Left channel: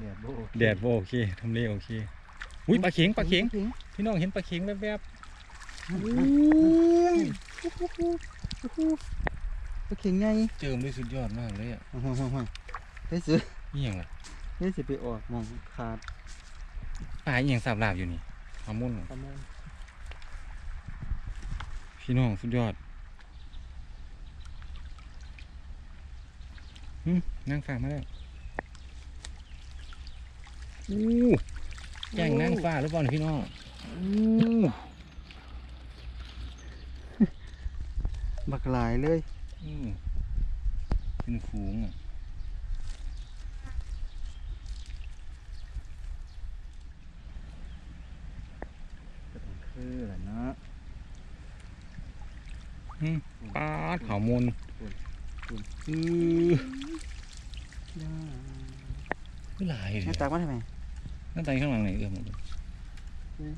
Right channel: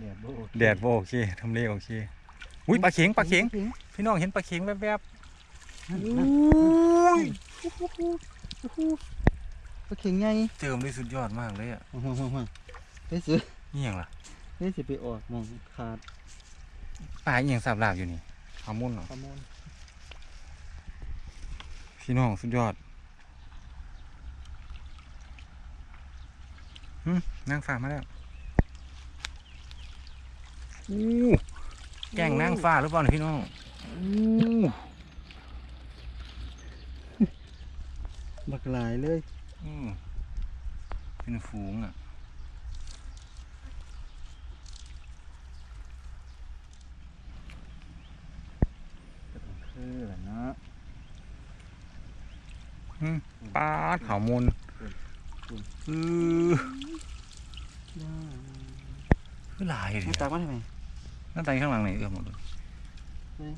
แดดโบแดดบ่โอเคทำเลโอเคอุ้ยปลาเข็งปลาเข็งพี่น้องเห็นปลาเข็งแวบนั่นๆนั่นอุ้ยปลาเข็งไงเจิมได้สุดยอดมากเลยอะห่วงห่วงห่วงห่วงไปซื้อนี่ยังล่ะนี่สิไปออกหมองขาดปลาอีหยังสาบลาบอยู่นี่ฮามุนเหรอขโมยพี่น้องสุดยอดหึนั่งฟ้ามาแล้ว อู้แกล้งนั่งฟ้าหรือเปล่าเนี่ยพี่น้องอู้บักหลายเลยอืมเป็นฝูงอะก็ต้องคือแหละเนาะปลาดขาวมูลคุณอือคือหลายเลไม่ยตักมาทำไมห น้าตาข้างหลังไหนเอื้อมหมดเลยนี่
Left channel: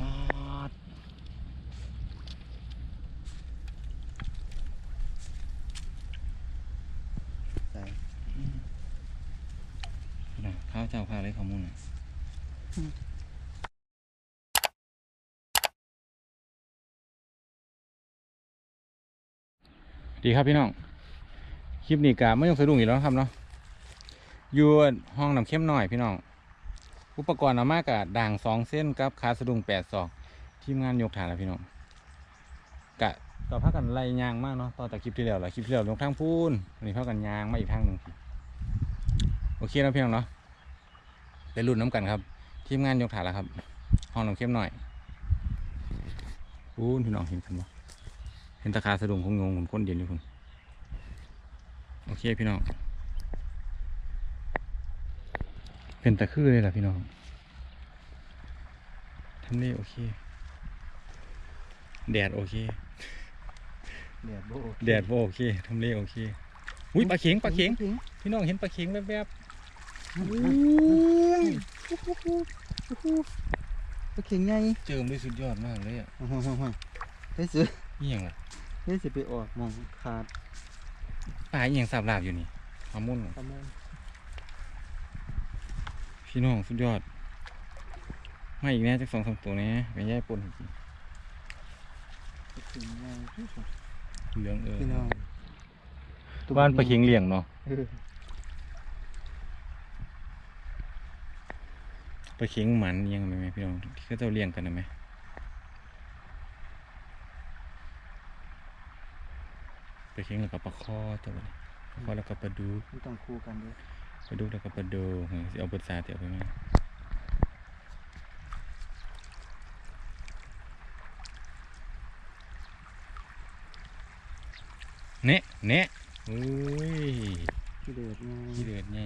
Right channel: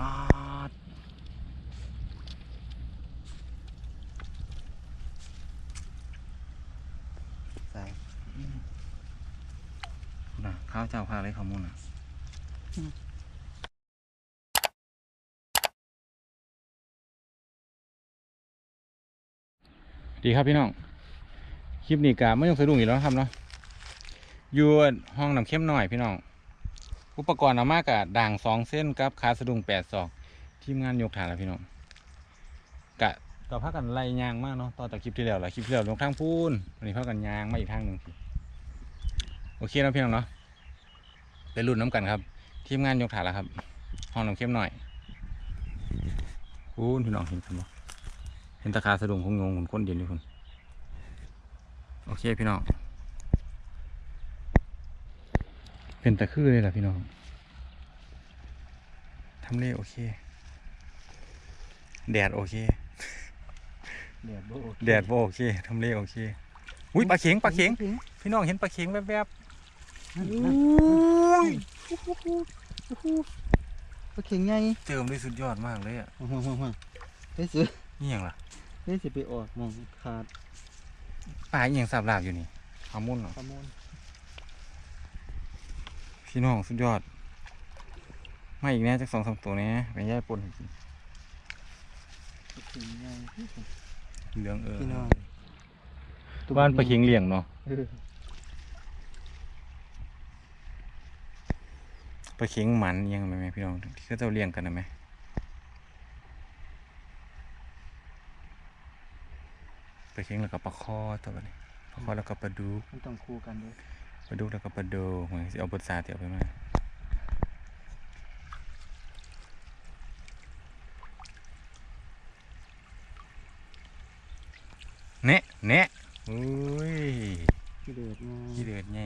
ปลาดใส่น่ะข้าวเจ้าข้าวอะไรขาวมูลอะดีครับพี่น้อง คลิปนี้กะไม่ต้องสะดุ้งอีกแล้วนะครับเนาะ อยู่ห้องน้ำเข้มหน่อยพี่น้อง อุปกรณ์เอามากกะด่างสองเส้นกับขาสะดุงแปดศอกทีมงานยกฐานแล้วพี่น้องกะก็พักกันไล่ยางมากเนาะตอนแต่คลิปที่แล้วแหละคลิปที่แล้วลงทางพูนวันนี้พักกันยางมาอีกทางหนึ่งพี่โอเคนะพี่น้องเนาะไปรุ่นน้ำกันครับ ทีมงานยกฐานแล้วครับ ห้องน้ำเข้มหน่อยพูนพี่น้องเห็นกันบ่เห็นตะขาสะดุงคงงงคนเดียนอยู่คนโอเคพี่น้อง เป็นตะคือเลยล่ะพี่น้องทำเลโอเค แดดโอเค แดดโบแดดบ่โอเคทำเลโอเคอุ้ยปลาเข็งปลาเข็งพี่น้องเห็นปลาเข็งแวบนั่นๆนั่นอุ้ยปลาเข็งไงเจิมได้สุดยอดมากเลยอะห่วงห่วงห่วงห่วงไปซื้อนี่ยังล่ะนี่สิไปออกหมองขาดปลาอีหยังสาบลาบอยู่นี่ฮามุนเหรอขโมย พี่น้องสุดยอด มาอีกแน่จากสองสามตัวแน่ไปย่ายปนให้กินปลาเข็งไงเหลืองเออพี่น้องบ้านปลาเข็งเลี้ยงเนาะเออปลาเข็งหมันอิหยังไหมแม่พี่น้องที่เขาเจ้าเลี้ยงกันนะไหมปลาเข็งแล้วก็ปลาคอตัวนี้ปลาคอแล้วก็ปลาดุกมันต้องคู่กันด้วย ปลาดุกแล้วก็ปลาโดเหมือนสิเอาบทสาเตียวไปมาเนะเนะอุ้ยที่เดือดไงขี้เดือดไง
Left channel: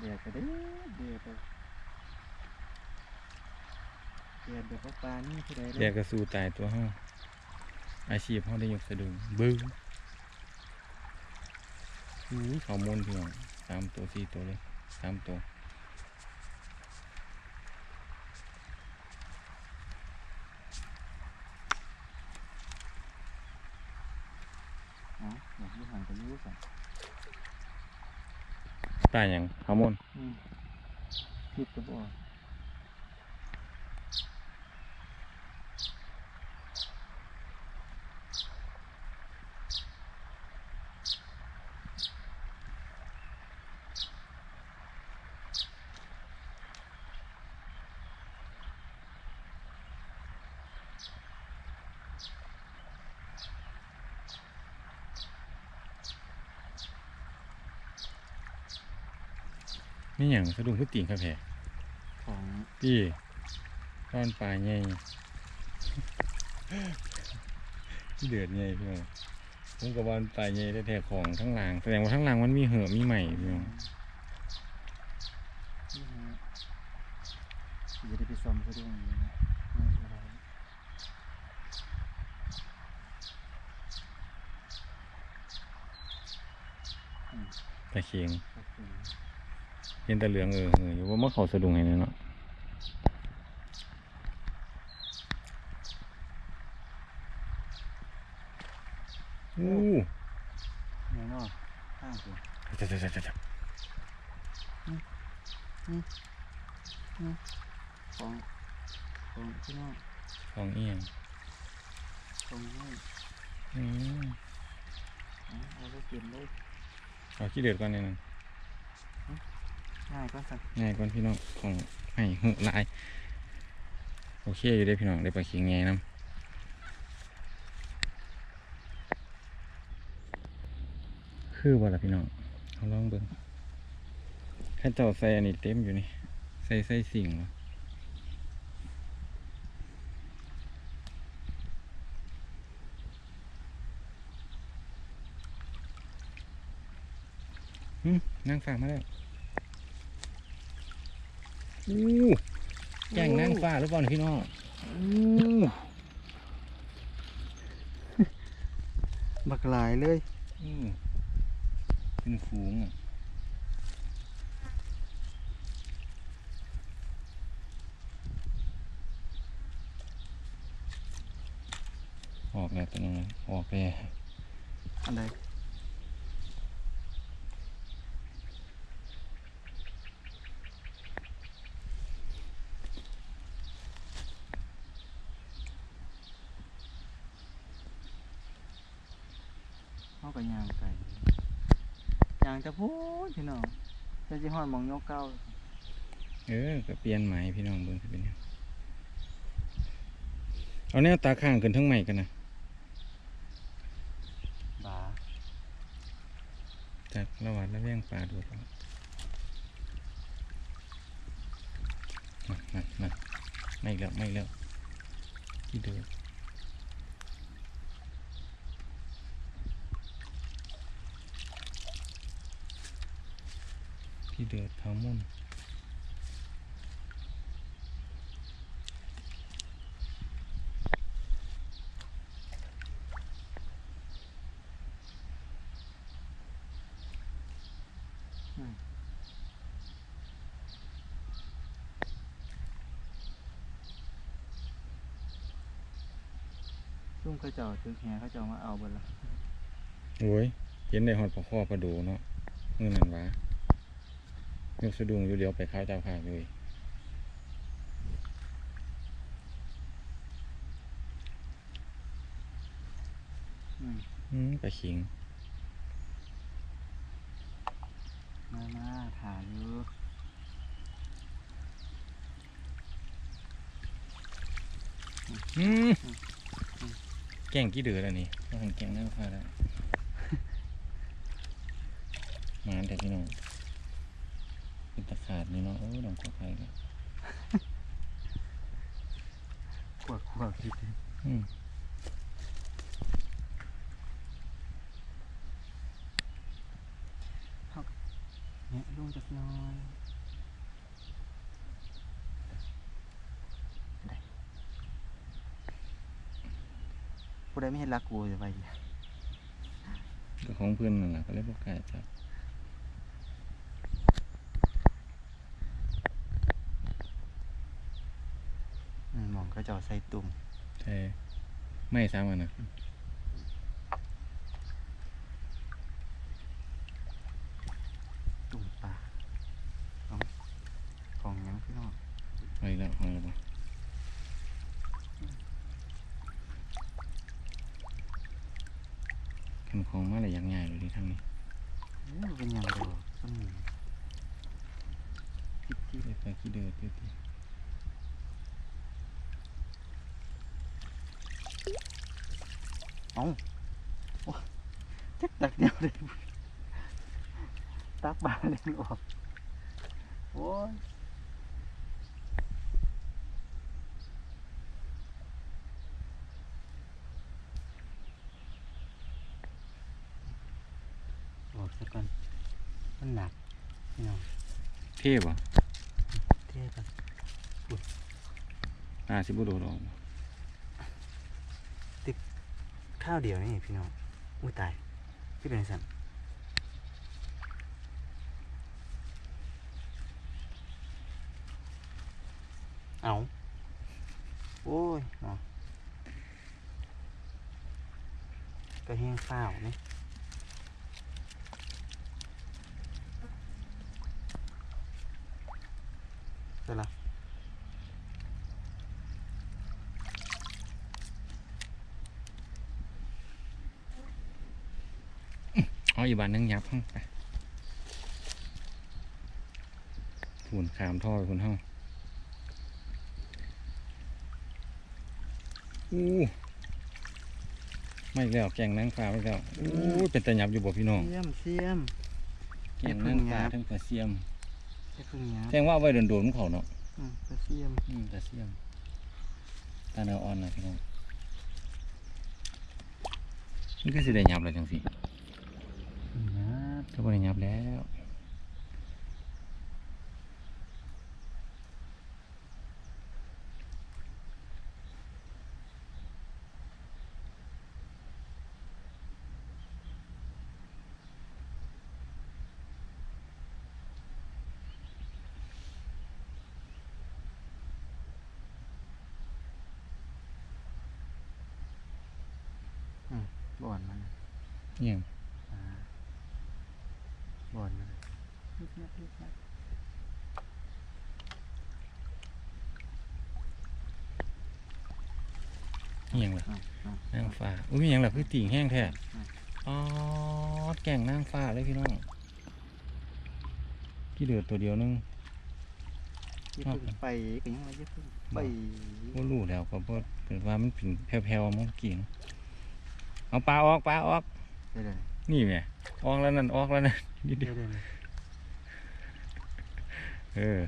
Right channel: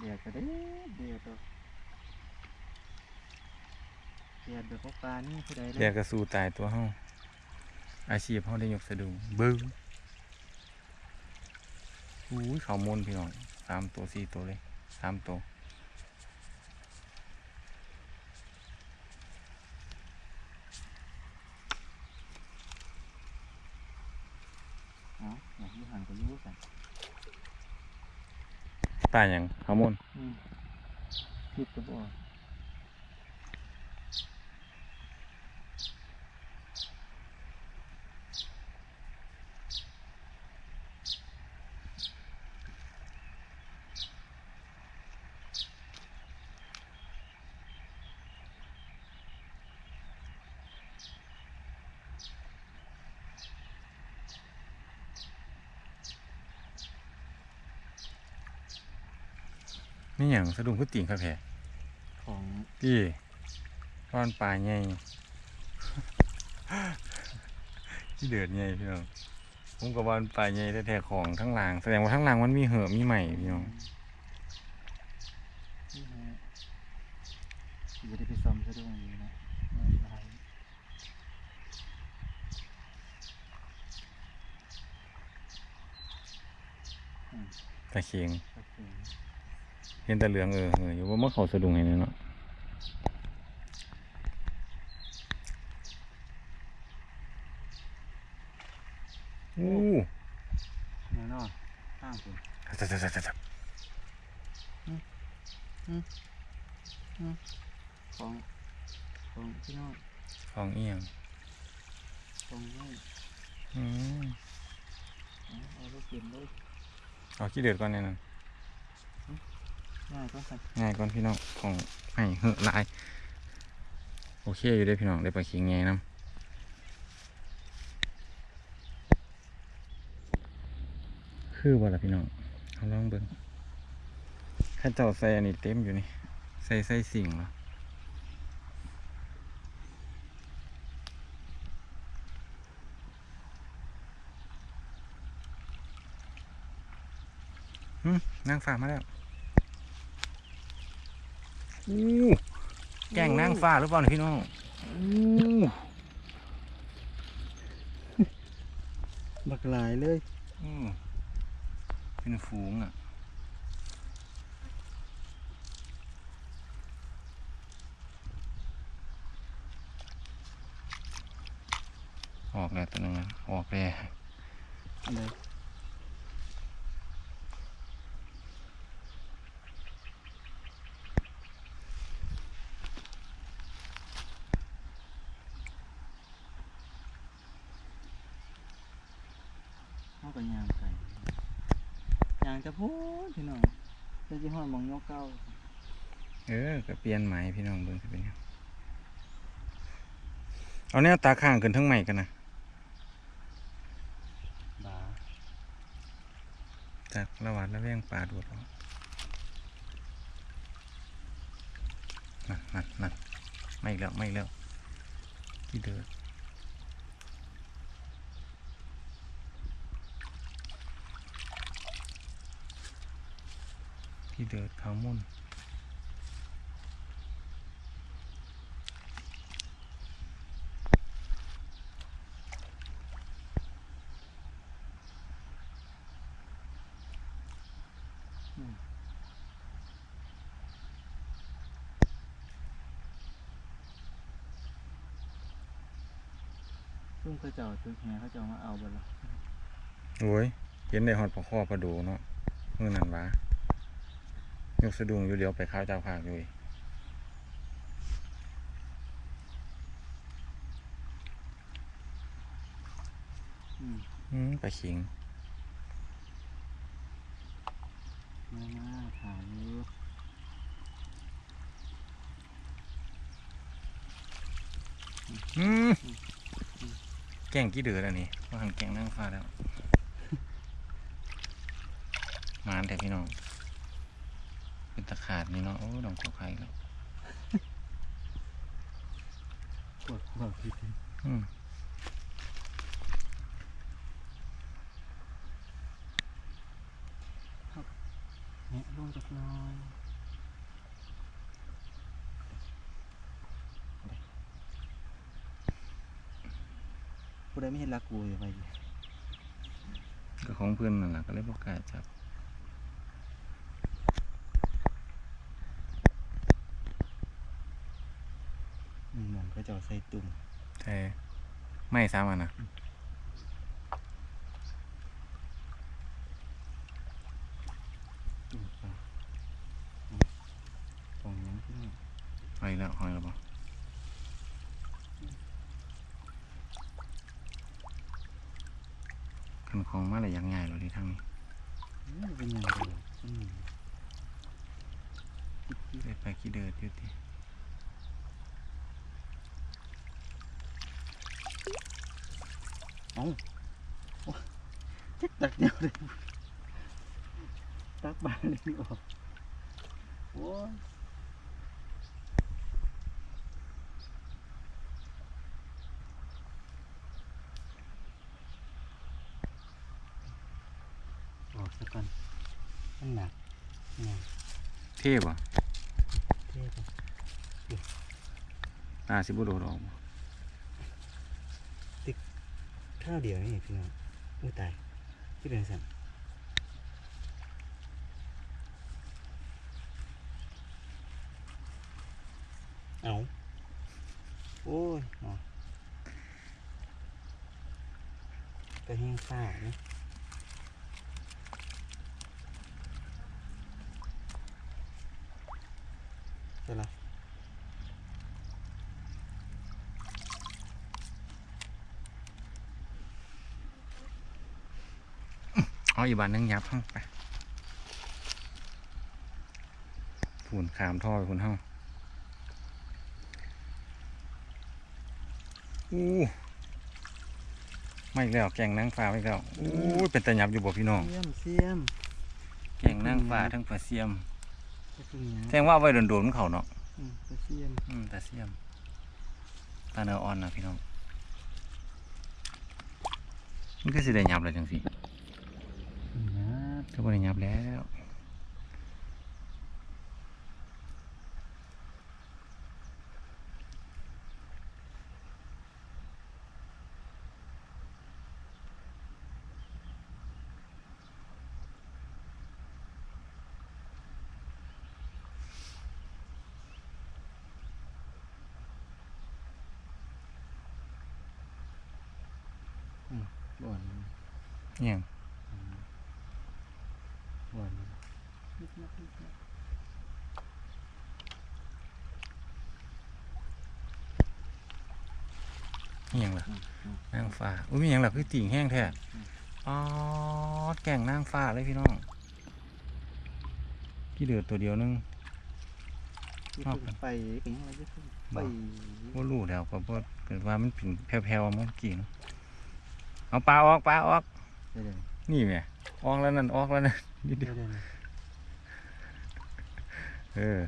เดือดก็ได้เดือดเอา เดือดแบบว่าปลานี่ผู้ใดเรียกกระสูตายตัวเฮาอาชีพเฮาได้ยกสะดุงเบิ้งอุ้ยเขามนพี่น้องสามตัวสี่ตัวเลยสามตัวเอาอยากอยูห่างก็อยูสั่นตายอย่างเขามนอืมคิดก็บ่อ อยงสะดุ้งคือติ่งครับแผ่ของพี่ก้อนปลาใหญ่ที่เดือดใหญ่พี่น้องผมกับวันปลาใหญ่แท้ๆของทั้งหลังแสดงว่าทั้งหลังมันมีเหือมีใหม่พี่น้องจะได้ไปซ้อมสะดุ้งอยู่นะตะเคียงตะเคียง เห็นแต่เหลืองเออเอออยู่ว่าเมื่อเขาสะดุ้งให้แน่เนาะอู้เนี่ยเนาะข้างคุณจับจับจับจับจับของของพี่น้องของเอียงของให้อืมเอาเอาไปเก็บเลยเอาขี้เดือดก่อนเนี่ยนั่น ง่ายก็สั่นง่ายก่อนพี่น้องของให้เหอะลาย โอเคอยู่ได้พี่น้องได้ปลาเคียงไงน้ำคือบ่ล่ะพี่น้องเอาลองเบิ่งข้าเจ้าใส่อันนี้เต็มอยู่นี่ ใส่ใส่สิ่งเหรอนั่งฟ้ามาแล้ว อู้แก่งนั่งฟ้าหรือเปล่าเนี่ยพี่น้องอู้บักหลายเลยอืมเป็นฝูงอะออกแล้วตัวหนึงอะออกแล้วอะไรเขาก็ยางไก่ยาง จะพูดพี่น้องจะจิฮอดหมองยกเก้าเออก็เปลี่ยนไหมพี่น้องเบิ่งสิเป็นยังเอาแนวตาข้างขึ้นทั้งใหม่กันนะบาจากระหว่างระแวงปลาโดดออกนั่นนั่นนั่นไม่อีกแล้วไม่อีกแล้วที่เดิน ที่เดินเขามุ่นซุ่มเขาเจ้าตึกแหเขาเจ้ามาเอาเบดละโอ้ยเห็นได้หอดปลาข้อปลาดูเนาะมือนั่นวะ ยกสะดุ้งอยู่เดียวไปข้าวเจ้าภาคเลยอืมอืมปลาขิง มามาถามอยู่อืมแกงกี่เดือดอันนี้ว่าหันแกงนั่งฟ้าแล้ว มานแต่พี่น้อง เป็นตะขาดนี่เนาะโอ้ดองกอไข่แล้วขวดขวดพี่อืมเนี่ยลงจากหน้อยได้ผู้ใดไม่เห็นรักกูจะไปดิก็ของเพื่อนนั่นแหละก็เลยบอกกล้าจับ อืมมอง เขาเจ้าใส่ตุ่มใช่ไม่ซ้ำอะนะ ตุ่มปลาเอากล่องน้ำพี่น้อง หอยแล้วหอยแล้วปะขันของมาอะไรยังไงหรอที่ทางนี้ อู้เป็นยังไงดอกส้มหนึ่งจิ๊บจิ๊บ ได้ไปขี้เดือดอยู่ที่ เอาโอ้จักตักเดียวเลยตักบาเลยไม่ออกโอ้ยออกซะก่อนมันหนักนี่นะเทพอะเทปอะตาสิบุโดดออก ข้าวเดียวนี่พี่น้องอู้ตายพี่เป็นสั่นเอาโอ้ยเนาะก็แห้งเศร้านี่เป็นไร เอาอีกบานหนึงยับห้องไปฝุ่นขามท่อไปคุณห้องอู้ไม่อีกแล้วแกงนางฟ้าไม่อีกแล้วอู้เป็นตะยับอยู่บ่พี่น้องเสียมเสียมแกงนางฟ้าทั้งปลาเสียมก็คือเนี้ยแสดงว่าเอาไว้โดนๆมันเขาเนาะอืมก็เสียมอืมปลาเสียมตาเนื้ออ่อนนะพี่น้องมันก็สิได้ยับเลยจังสินะ ก็บ่ได้ยับแล้ว บ่อนมัน เนี่ย อ่าบ่อนมันนิดนับนิดนับ นี่หยังล่ะ อ่าอ่า นาง ฟ้าอุ้ยมีหยังล่ะคือติ่งแห้งแท้อืมอ๋อแก่งนางฟ้าเลยพี่น้องกี่เดือดตัวเดียวนึงอย่าชอบเพิ่งไปก็ยังว่าอย่าเพิ่งไปบ่รู้แล้วก็บ่เกิดว่ามันเป็นแผ่วๆเมื่อกี้เนาะเอาปลาออกปลาออกเดี๋ยวเดี๋ยวนี่แหม่ออกแล้วนั่นออกแล้วนั่นนิดเดีเดี๋ยยววเดี๋ยวเออ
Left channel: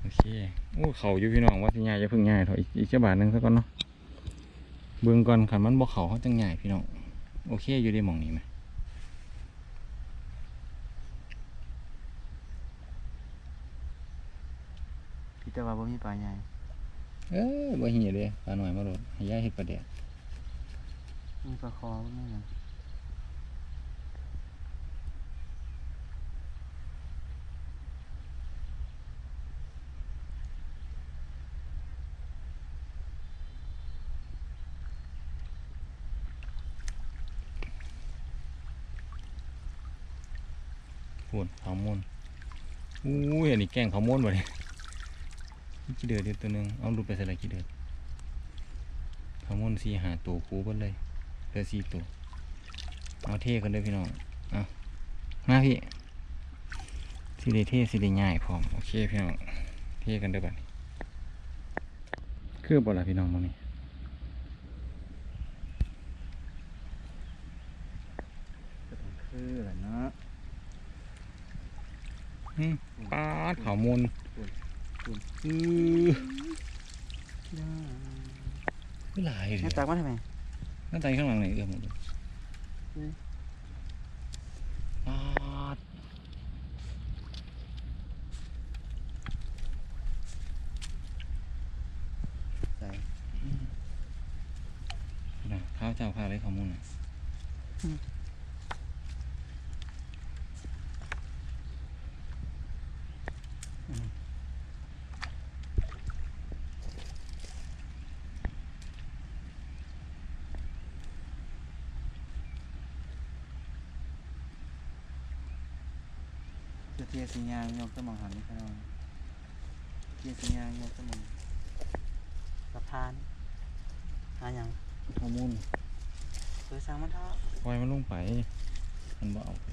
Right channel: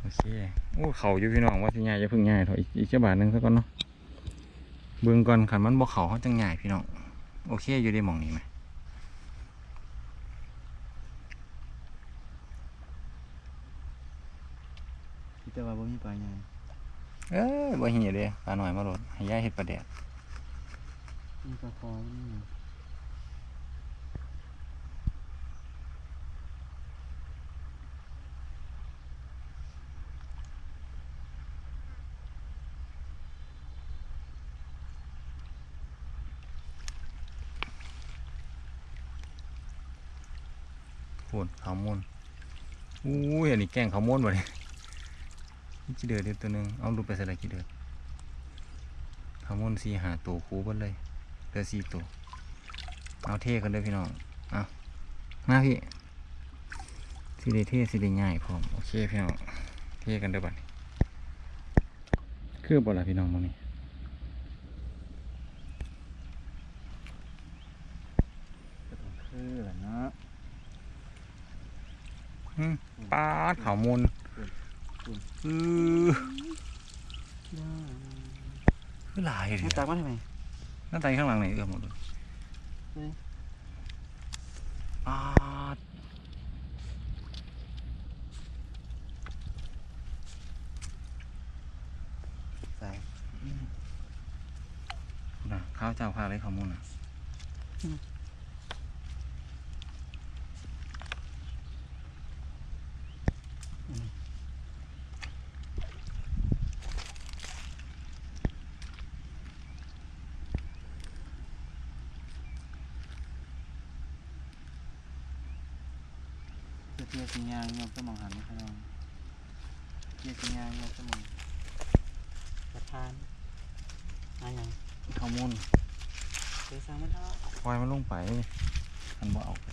โอเคโอ้เขาอยู่พี่น้องว่าสิง่ายจะพึ่งง่ายเถอะอีกอีกแค่บาทหนึงซะก่อนเนาะ เบิ่งก่อนคันมันบ่เขาเขาจังง่ายพี่น้องโอเคอยู่ได้หมองนี้ไหมพี่แต่ว่าบ่มีปลาใหญ่เอ้ยบ่เหี่ยเด้ปลาหน่อยมาโลดให้ยายเฮ็ดปลาแดดมีปลาคอบ่มีหยั พูนขาวมูลอู้ยอันนี้แกงขาวมูลบ่เนี่ยนี่กี่เดือดเดียวตัวหนึงเอาดูไปใส่อะไรกี่เดือดขาวมูลสี่หาตัวคูบดเลยเหลือสีตัวเอาเทกันเด้อพี่น้องเอามาพี่สิได้เทสิได้ง่ายพร้อมโอเคพี่น้องเทกันเด้อบัดนี้คือบ่ล่ะพี่น้องมื้อนี้ ก็ต้องคือแหละเนาะ หึ ปาดข้าวมูลคุณอือคือหลายเลยให้ตักมาทำไมหน้าตาข้างหลังไหนเอื้อมหมดเลยเฮ้ยปาดใส่น่ะข้าวเจ้าข้าวอะไรข้าวมูลน่ะ ยสิยางยกสมองหันนี่พี่น้องเทียสิยางยกสมองสะพานอะหยังข้าวมูลเคยสร้างมันเท่าปล่อยมันลงไปมันบ่เอาไป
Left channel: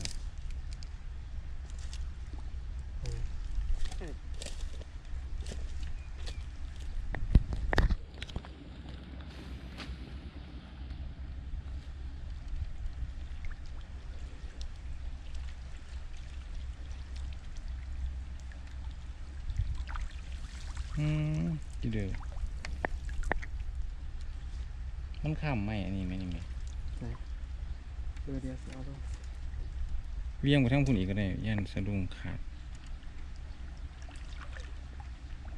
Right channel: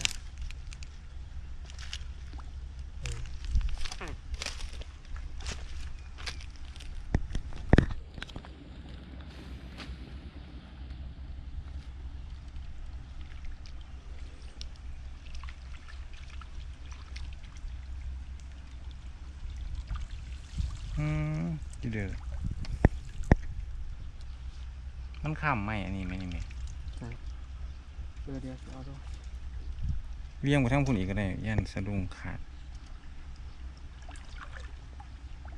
อืมที่ เดือมันข้ามไหมอันนี้ไหมนี่ไหมเออเดี๋ยวสิเอาดูเลี้ยงไปทั้งพุ่นอีกก็ได้ยันสะดุ้งขาด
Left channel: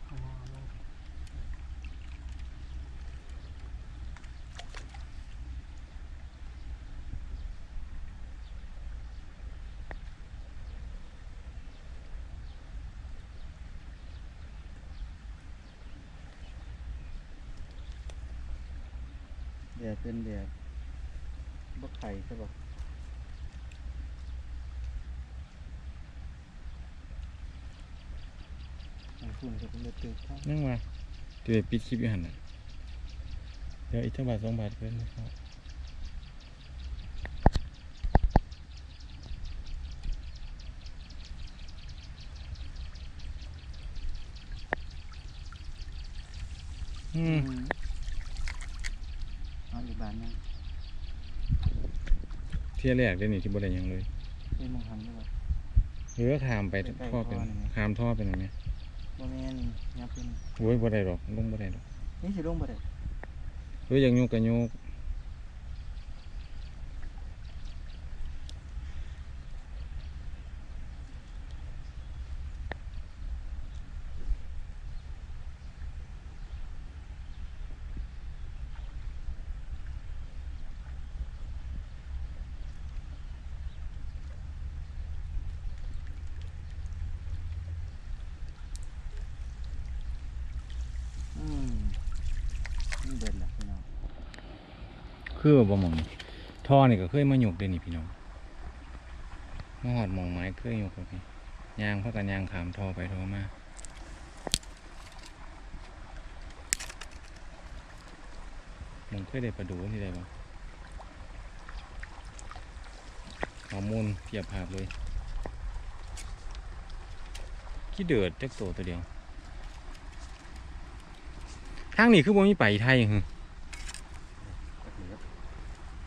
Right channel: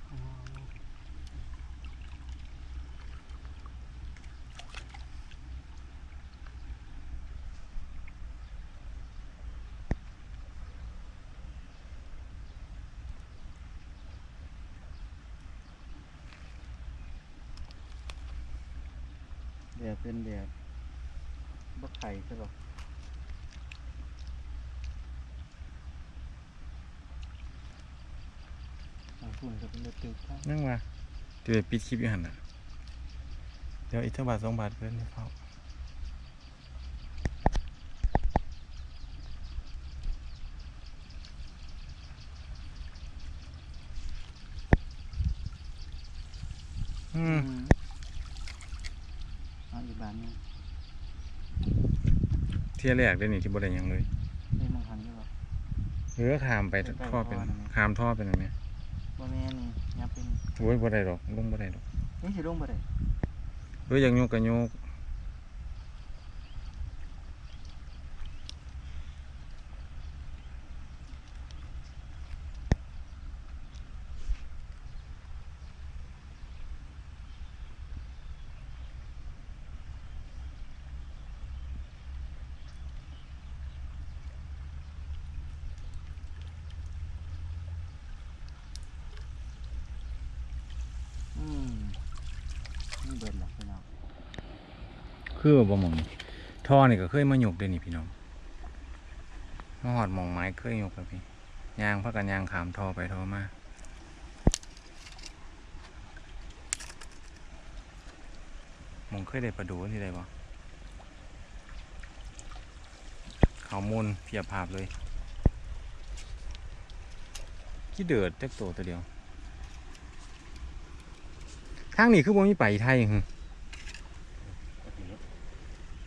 เอาเอาเอา แดดเป็นแดดบ่ไข่ใช่ปะอ่าฝุ่นก็เป็นเลือดตึกครับนั่งมาจะไปปิดคลิปอยู่หันน่ะ เดี๋ยวอีกเท่าบาทสองบาทเพิ่นให้เขาอืม เอาอีกบานหนึง เที่ยแรกได้นี่ที่บ่ได้หยังเลยเล่นมองหันใช่ปะหรือว่าขามไปใกล้ๆท่อเป็นท่อนั่นไหม ขามท่อเป็นอันนี้บ่แม่นนี่ยับเป็นโอ้ยบ่ได้ดอกลงบ่ได้ดอกนี่สิลงบ่ได้หรืออยากโยกก็โยก อืมนี่เบิดละพี่น้อง คือบ่หมองนี่ท่อนี่ก็เคยมาโยกเด้นี่พี่น้องมาหอดมองไม้เคยโยกแล้วพี่ยางพักกันยางขามท่อไปท่อมาหมองเคยได้ประดูที่ใดบ่ข้อมูลเพียบภาพเลยขี้เดือดจักโตตัวเดียวทางนี้คือบ่มีไปไทยหึ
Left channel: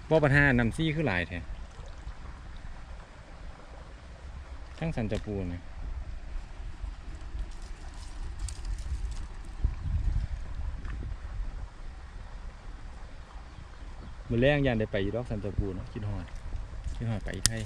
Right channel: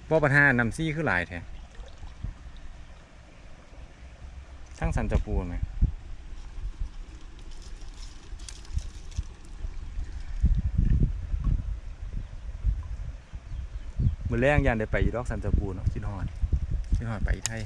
บ่ปัญหานำซี่คือหลายแท้ทั้งสันจะปูนะมือแรงยันได้ไปยดอกสันจะปูนเนาะคิดหอดคิดหอดไปไทย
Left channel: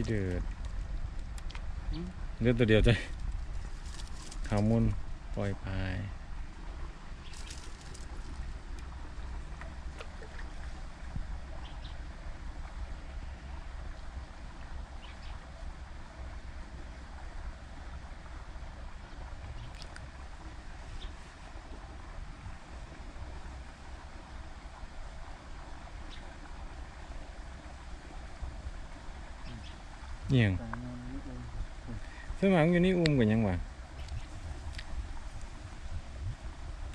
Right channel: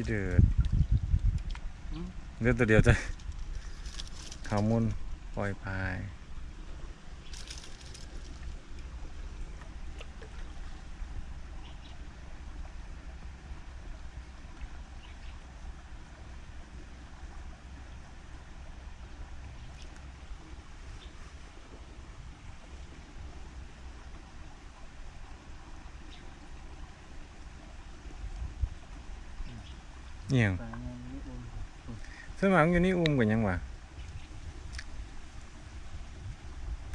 กี่เดือดเลือดตัวเดียวจะขาวมุนปล่อยพาย เอียงไปงานนี่เองสมัครอยู่นี่อุ้มกันยังวะ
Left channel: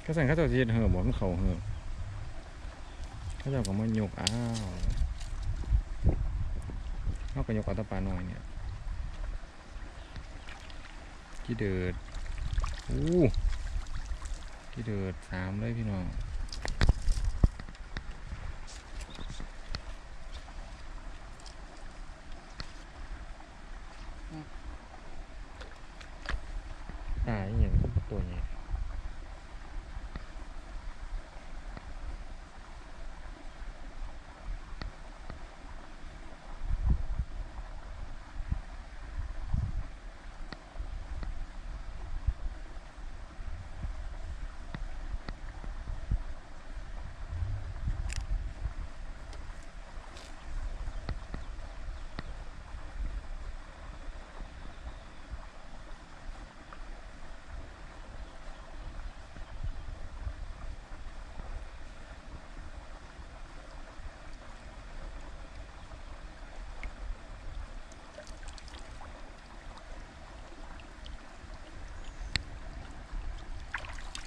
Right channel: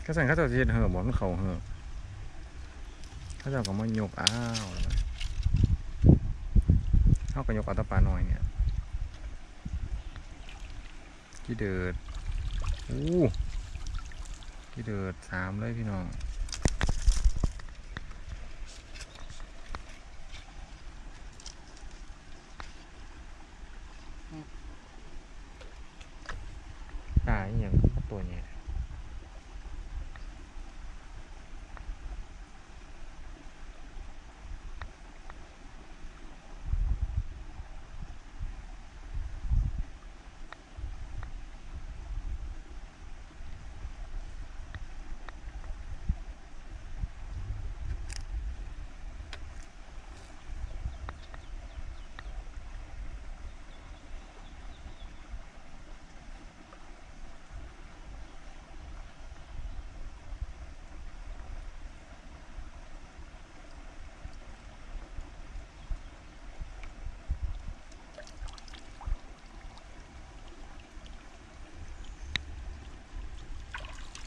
ก็สั่งข้าเจ้าสิเฮ็ดเหือะบอกมันเขาเหือะข้าเจ้าก็มายกอ้าวเขาก็ยกอาแตปาน้อยเนี่ยกี่เดือดอู้กี่เดือดสามเลยพี่น้อง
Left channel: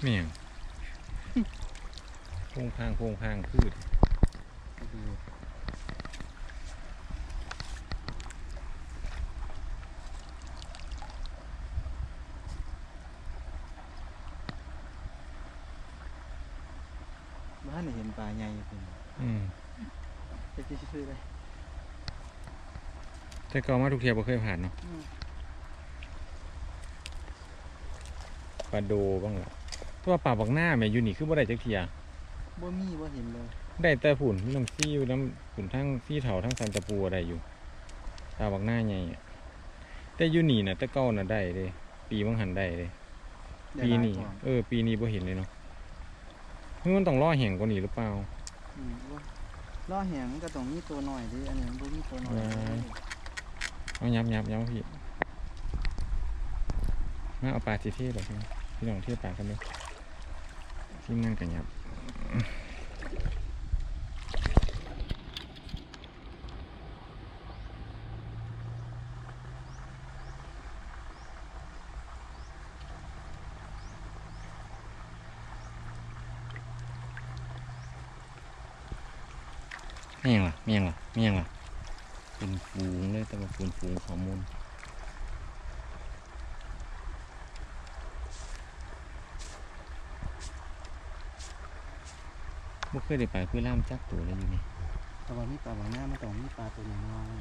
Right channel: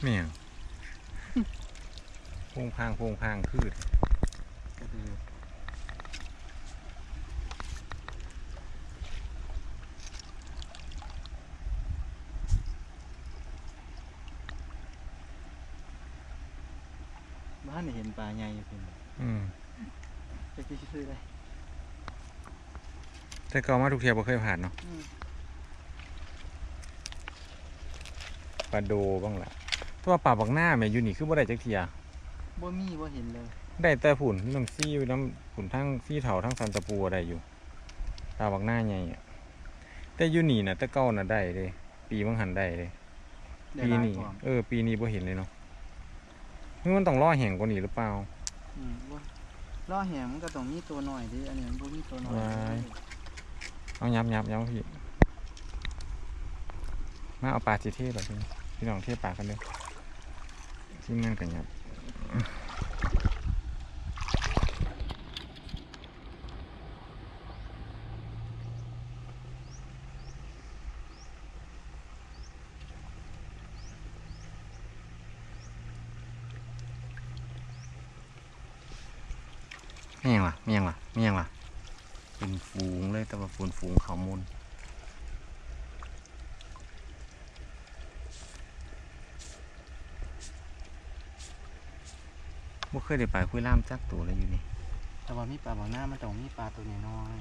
ไม่หยังโพงพางโพงพางคือก็คือบ้านนี่เห็นปลาใหญ่อยู่เพิ่นอืมจะจะซื้อได้แต่ก็มาทุกเทียบ่เคยผ่านเนาะอืมปลาโดบ้างล่ะแตัวาปลาบักหน้าแม่อยู่นี่คือบ่ได้จักเทียบ่มีบ่เห็นเลย ได้แต่ผุ่นมีน้ำซี่อยู่น้ำผุ่นทั้งซี่เถาทั้งสันตะปูได้อยู่ปลาบักหน้าใหญ่อะแต่อยู่นี่น่ะแต่เก่าน่ะได้เลยปีบังหันได้เลยได้ปีหลายนี้กว่า เออ ปีนี้บ่เห็นเลยเนาะนี่มันต้องล่อแห้งกว่านี้หรือเปล่า อืมว่าล่อแหงมันก็ต้องมีตัวหน่อยดิอันนี้มันบ่มีตัวหน่อยว้าย เอายับยับยับพี่มาเอาปลาทีเทศหรอพี่น้องพี่น้องเทศปลากันเลย ที่มันกันยับ ไม่ยังล่ะไม่ยังล่ะไม่ยังล่ะ เป็นฝูงเลยแต่ว่าฝูงฝูงเขามูลบ่ เคยได้ไปคุยล่ามจักตัวเลยอยู่นี่แต่ว่ามีปลาบางหน้ามันต้องมีปลาตัวใหญ่น้อย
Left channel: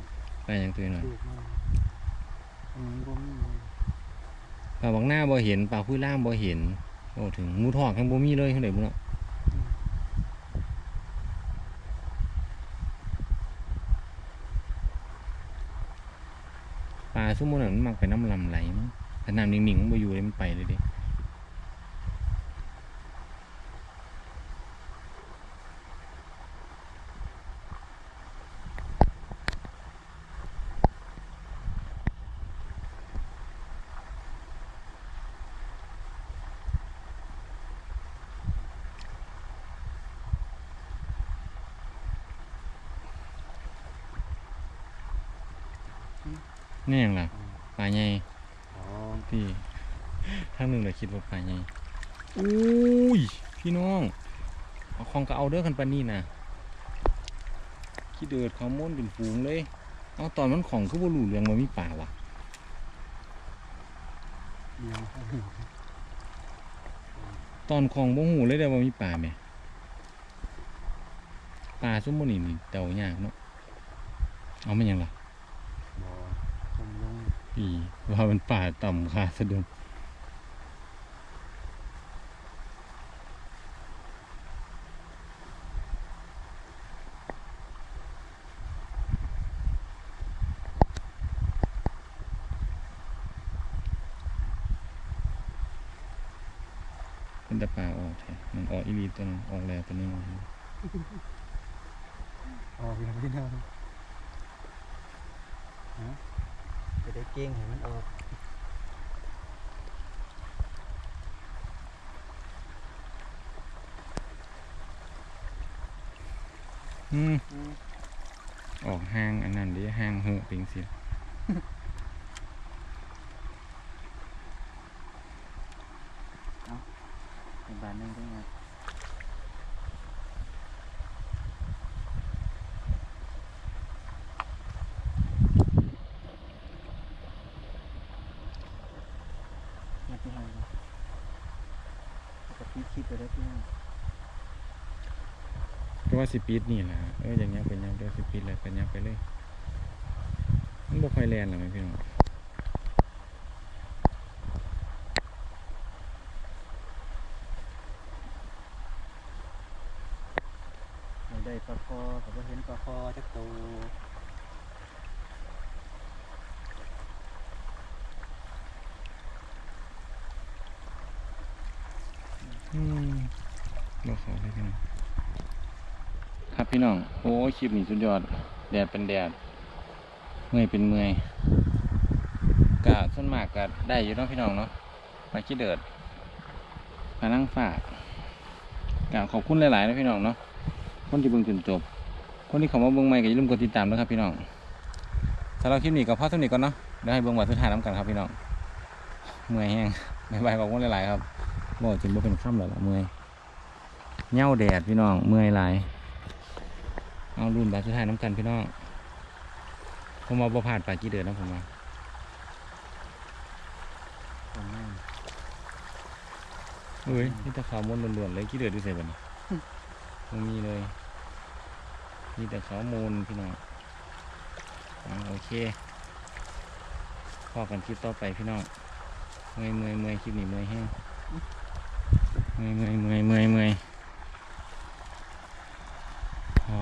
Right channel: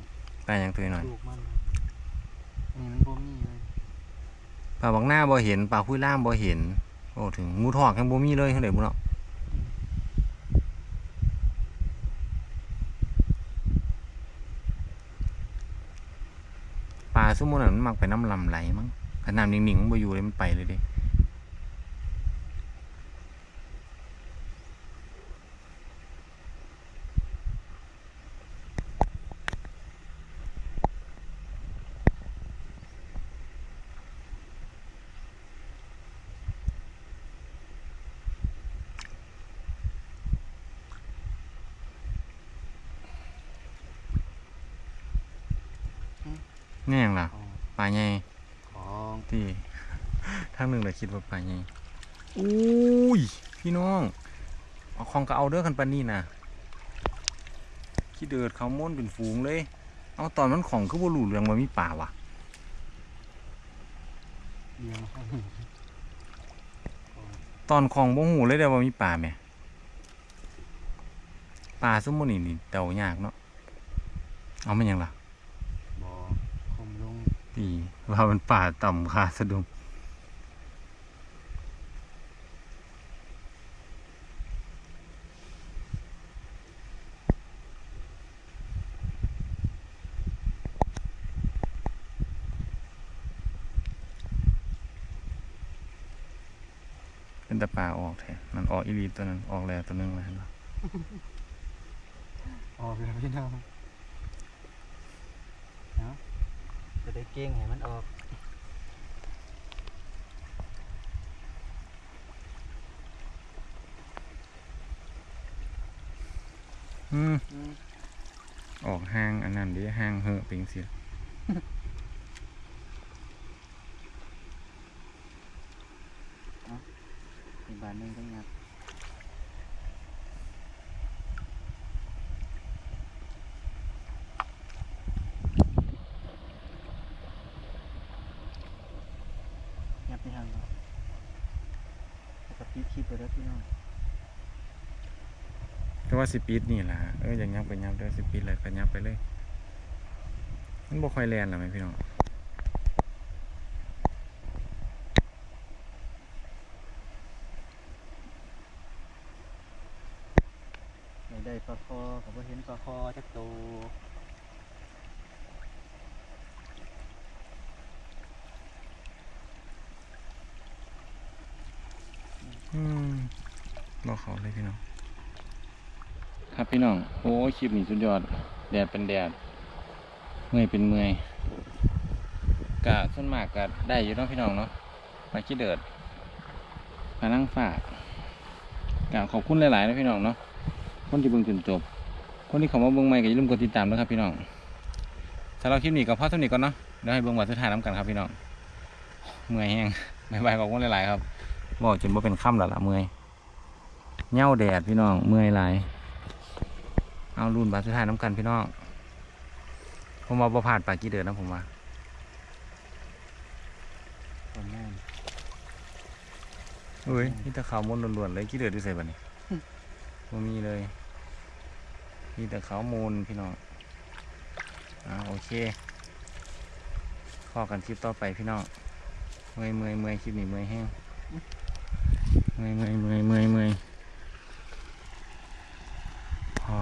ปลาหยังตัวหน่อยลูกมันอันนี้มันบ่มีเลยปลาบักหน้าบ่เห็นปลาคุยล่ามบ่เห็นโอ้ถึงงูทอกยังบ่มีเลยเท่าไหร่บุเนาะปลาซุมมันนั้นมันมักไปน้ำลำไหลมั้งขนาดนิ่งๆมันบ่อยู่เลยมันไปเลยเดิ นี่หยังล่ะ อ๋อ ปลาใหญ่ อ๋อ ที่ ทางหนึ่งเลยคิ ดว่าปลาใหญ่อุ้ยพี่น้องเอาของก็เอาเด้อกันปานนี้นะขี้เดือดเขาม้วนเป็นฝูงเลย เอาตอนมันของก็บ่รู้เรื่องว่ามีป่าวะเลี้ยงมาตอนของบ่หูเลยเด้อว่ามีป่าแหม่ป่าซุมมื้อนี้นี่เดายากเนาะเอามันหยังล่ะบ่คมลงพี่ว่ามันป่าต่ำคาสะดุงเป็นตะป่าออกแท้มันออกอีหลี ตัวหนึงออกแล้วตัวหนึงมาออกแล้วพี่น้องเนาะจะได้เก่งให้มันออกอืมอืมออกห้างอันนั้นดิห้างเหอะเป็นสิ อีกบาทหนึงจังงัดงัดไปทางนี้แล้วก็ปิดคลิปไปแล้วพี่น้อง ก็ว่า สิปีดนี่แหละเอออย่างยับไปยับเด้อสิปีดเลยไปยับไปเลย มันบ่ค่อยแลนหรอไหมพี่น้องได้ได้ปลาคอกับว่าเห็นปลาคอจักโตว อืมบ่เขาเลยพี่น้อง ครับพี่น้อง โอ้คลิปนี้สุดยอด แดดเป็นแดด เมื่อยเป็นเมื่อยกะส่วนมากก็ได้อยู่เนาะพี่น้องเนาะไปคิดเดิดมานั่งฝากกะขอบคุณหลายๆนะพี่น้องเนาะ คนที่เบิ่งจนจบ คนที่เขามาเบิ่งใหม่ก็อย่าลืมกดติดตามนะครับพี่น้องสำหรับคลิปนี้ก็พอเท่านี้ก่อนเนาะ เดี๋ยวให้เบิ่งวันสุดท้ายน้ำกันครับพี่น้อง เมื่อยแห้งบ๊ายบายขอบคุณหลายๆครับบอกจนบ่เป็นค่ำแล้วล่ะเมื่อยเหย้าแดดพี่น้อง เมื่อยหลาย เอารุ่นบาสุดท้ายน้ำกันพี่น้อง ผมมอาบ่ผ่านปากกี่เดือนนะผมว่าเฮ้ยนี่ตะขาวมนล้วนๆเลยกี่เดือนดูใส่บัานี้ผมมีเลย มีแต่ขาวมูลพี่น้องอ่าโอเคพอกันคลิปต่อไปพี่น้องเมยเมยเมืยคลิปนี้เมยแห้งเมยเมยเมยเมยเมยพอ